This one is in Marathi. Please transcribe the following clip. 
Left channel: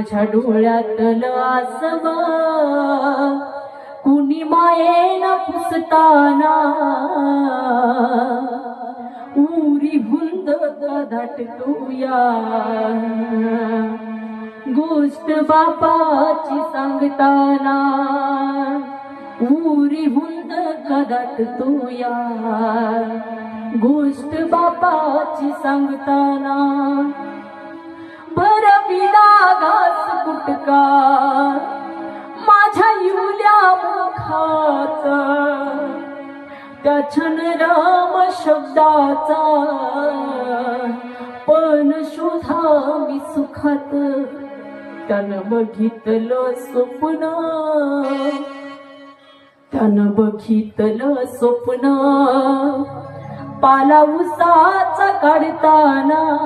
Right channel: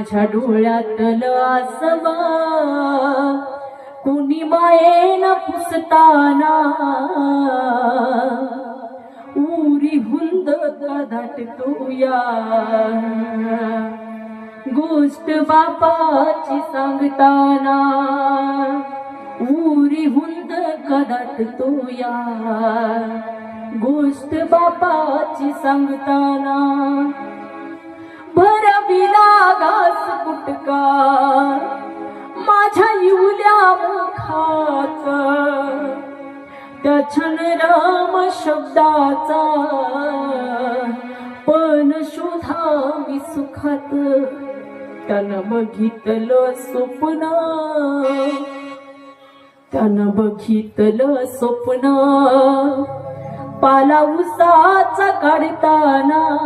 माझ्या डोळ्यातलं आसवा कुणी मायेला पुसताना. उरी हुंद दाटतोया. गोष्ट बापाची सांगताना. उरी हुंद कदात तोया गोष्ट बापाची सांगताना. युल्या त्या छान राम शब्दाचा. पण शोधा मी सुखात त्यानं बघितलं स्वप्न. त्यानं बघितलं स्वप्न. पाला उसाचा काढताना